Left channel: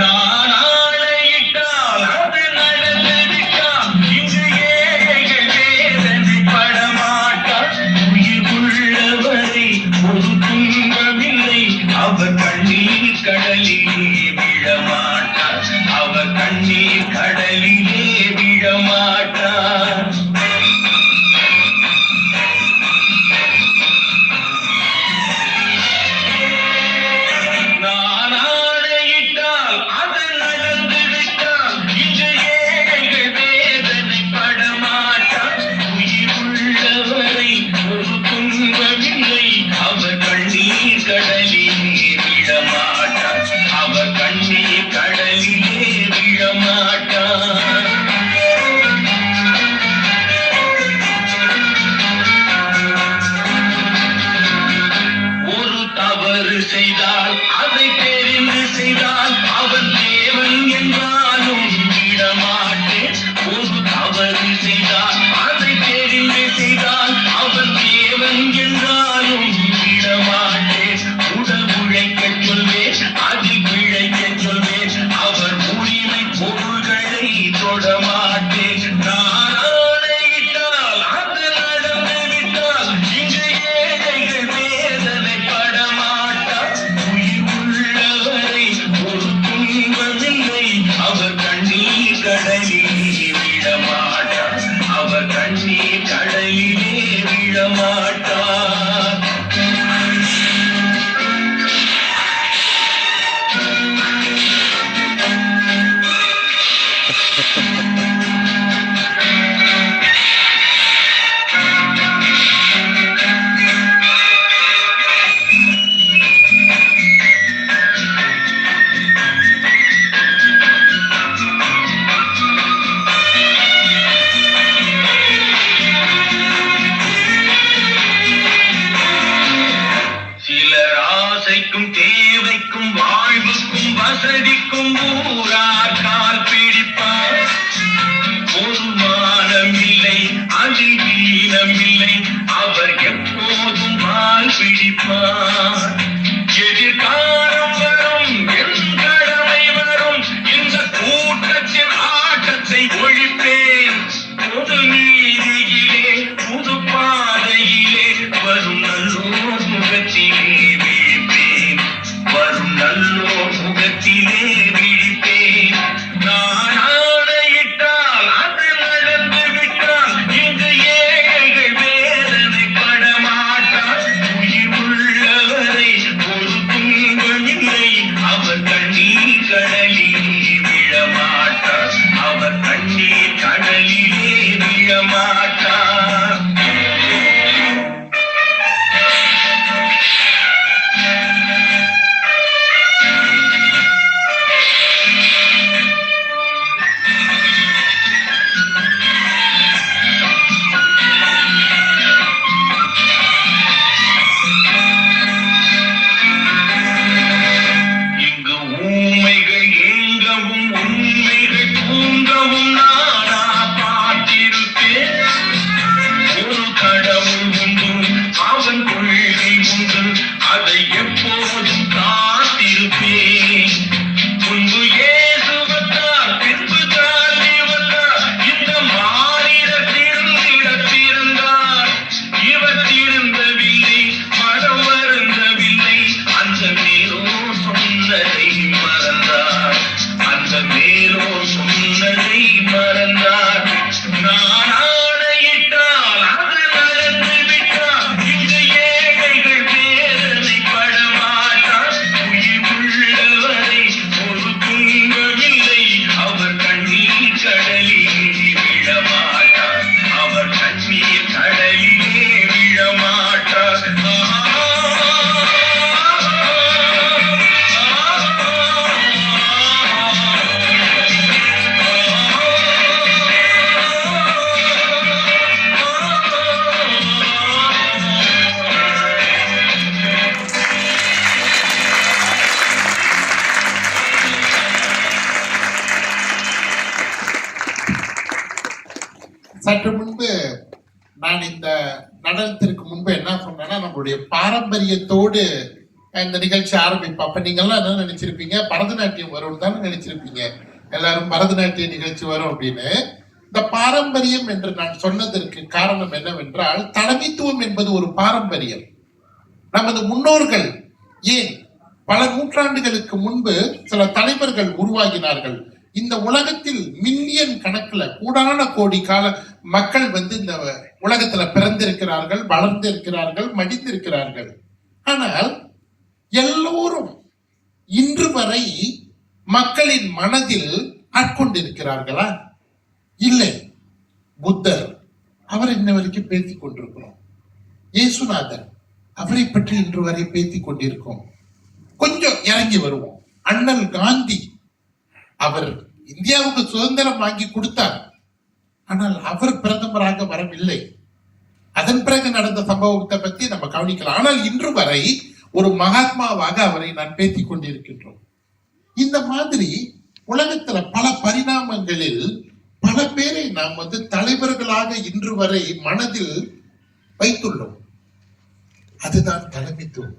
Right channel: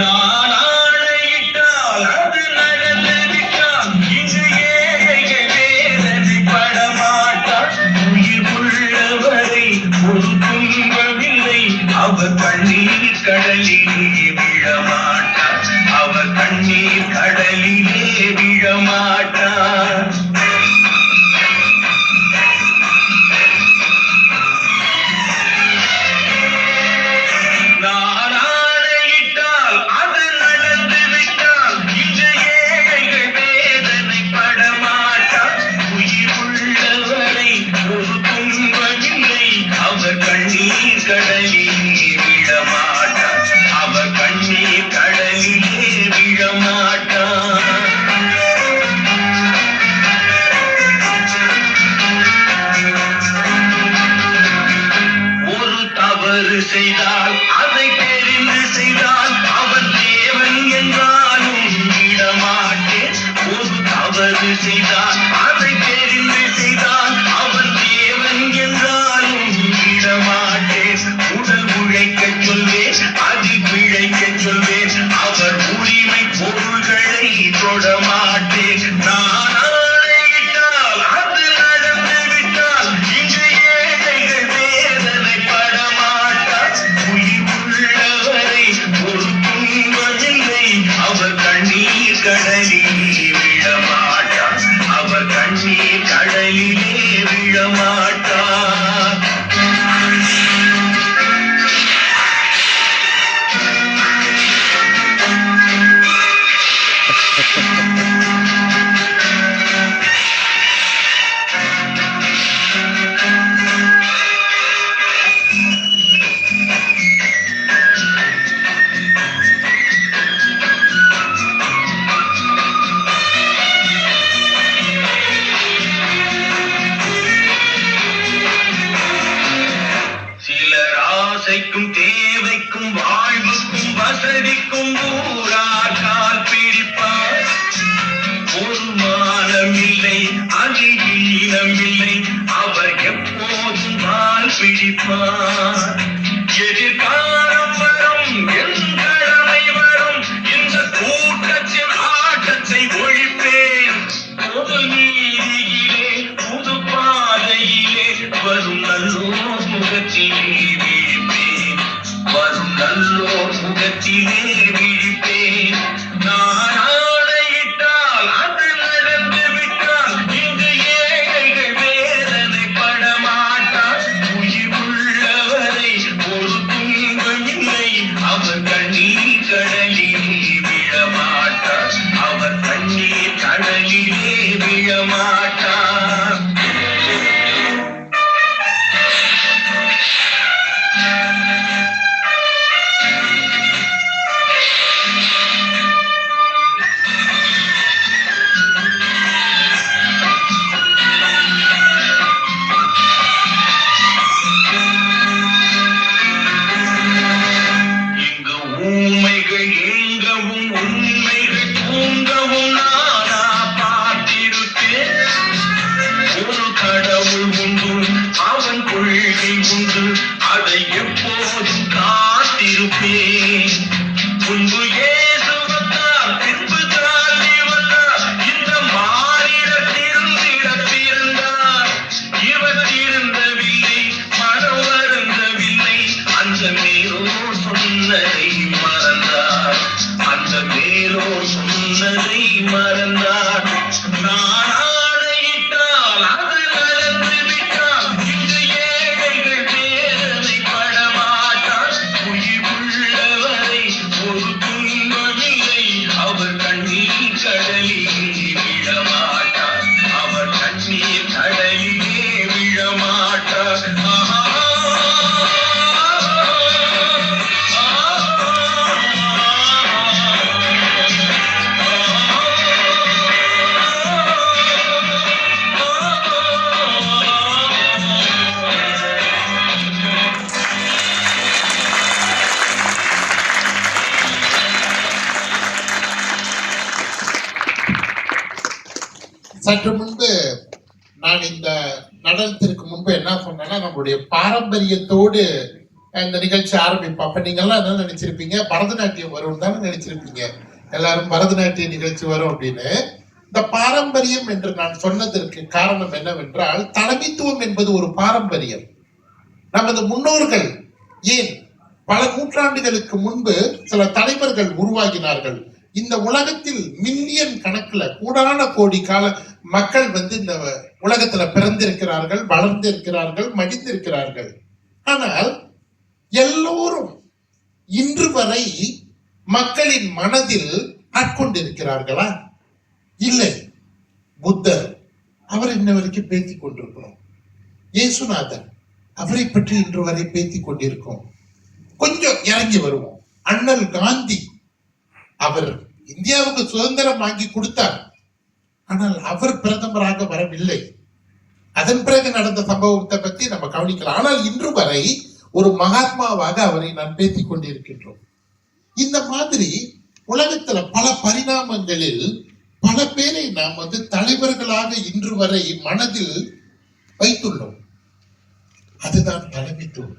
நான் ஆணையிட்டால் அது நடந்துவிட்டால் இங்கு ஏழைகள் வேதனை படமாட்டார். உயிர் உள்ளவரை ஒரு துன்பமில்லை, அவர் கண்ணீர் கடலிலே விழமாட்டார். அவர் கண்ணீர் கடலிலே விழமாட்டார். செய்தால் அதை தெரிந்து செய்தால் அவர் தேவன் என்றாலும் விடமாட்டேன். ஒரு தவறு செய்தால் அதை தெரிந்து செய்தால் அவர் தேவன் என்றாலும் விடமாட்டேன். உடல் உழைக்க சொல்வேன், அதில் பிழைக்க சொல்வேன், அவர் உரிமை பொருள்களை தொடமாட்டேன். நான் ஆணையிட்டால் அது நடந்து விட்டால் இன்று ஏழைகள் வேதனை படமாட்டார். உயிர் உள்ளவரை ஒரு துன்பமில்லை, அவர் கண்ணீர் கடலிலே விழமாட்டார். அவர் கண்ணீர் கடலிலே விழமாட்டார். சிலர் ஆசைக்கும் தேவைக்கும் வாழ்வுக்கும் வசதிக்கும் ஊரார் கால் பிடிப்பார். ஒரு மானமில்லை, அதிதீனமில்லை, அவர் எப்போதும் கால் பிடிப்பார். எதிர்காலம் வரும், என் கடமை வரும், இந்த கூட்டத்தின் ஆட்டத்தை ஒழிப்பேன். பொது நீதியிலே புது பாதையிலே வரும் நல்லோர் முகத்திலே விழிப்பேன். வரும் நல்லோர் முகத்திலே விழிப்பேன். நான் ஆணையிட்டால் அது நடந்து விட்டால் இன்று ஏழைகள் வேதனை படமாட்டார். உயிர் உள்ளவரை ஒரு துன்பமில்லை, அவர் கண்ணீர் கடலிலே விழமாட்டார். அவர் கண்ணீர் கடலிலே விழமாட்டார். இங்கு ஊமைகள் ஏங்கவும் உண்மைகள் தூங்கவும் நானா பார்த்திருக்கேன். ஒரு கடவுள் உண்டு, அவன் கொள்கை உண்டு, அதை எப்போதும் காத்திருப்பேன். முன்பு இயேசு வந்தார், பின்பு தாண்டி வந்தார், இந்த மானிடர் திருந்திடப் பிறந்தார். இவர் திருந்தவில்லை, மனம் வருந்தவில்லை, அந்த மேலோ சொன்னதை மறந்தார். அந்த மேலோ சொன்னதை மறந்தார். நான் ஆணையிட்டால் அது நடந்து விட்டால் இன்று ஏழைகள் வேதனை படமாட்டார். உயிர் உள்ளவரை ஒரு துன்பமில்லை, அவர் கண்ணீர் கடலிலே விழமாட்டார். அவர் கண்ணீர் கடலிலே விழமாட்டார். சற்று முன்பு நான் இந்த நடனத்திற்கு முன்பு என்ன சொன்னேன்னா, நம்மளுடைய பாரம்பரியத்தோடு இந்த நிகழ்ச்சி ஆரம்பிப்போம். அப்ப நீங்க எல்லாம் என்ன நினைச்சிருப்பீங்க, பரதநாட்டியம் வரும் தானே நினைச்சிருப்பீங்க. எல்லாரும் பரதநாட்டிய நிகழ்ச்சி வரும் அப்படின்னு. இந்த பாரம்பரியம் என்று நான் சொன்னதற்கு காரணம் என்னவென்றால், தலைமைத்துவம் என்பது ஒரு பாரம்பரியம். நமது முன்னோர்கள் ஏன் பல நூற்றாண்டுகளுக்கு முன்பு சில தலைவர்கள் உருவாகினார்கள். இந்த உலகத்தில் மில்லியன் கணக்குல கோடான கோடி கால மக்கள் இந்த உலகத்துல பிறந்திருக்கிறார்கள், வளர்ந்திருக்கிறார்கள், மடிந்திருக்கிறார்கள். ஆனால் எல்லோரும் இன்று வரை மக்களின் மனதில் ஆட்கொண்டிருக்கிறார்களா? இல்லை. புத்தர், அவர் இன்ன வரைக்கும் பேசிக் கொண்டிருக்கிறோம். இயேசுநாதர், அவரை பற்றி இன்று வரை பேசிக் கொண்டிருக்கோம். கொஞ்சம் இறங்கி வருவோம். அண்ணல் காந்தி, அவர் இந்தியாவுக்கு சுதந்திரம் வாங்கி கொடுத்தார். ஆனால் அவர் பிரதமராக வரவில்லை. அதன் பிறகு நடந்த சம்பவத்தை பற்றி நம்ம கவனிக்கலாம். ஆனால் இன்று வரை ஒரு மகாத்மாவாக அவரை நான் பேசிக் கொண்டிருக்கின்றோம். இந்த மாதிரி உலகத்துல பல பரிணாமங்களில் பல பேரை நாம் தலைவர்களாக இன்று வரை மனதில் வைத்துள்ளோம். அதுதான் தலைமைத்துவம்.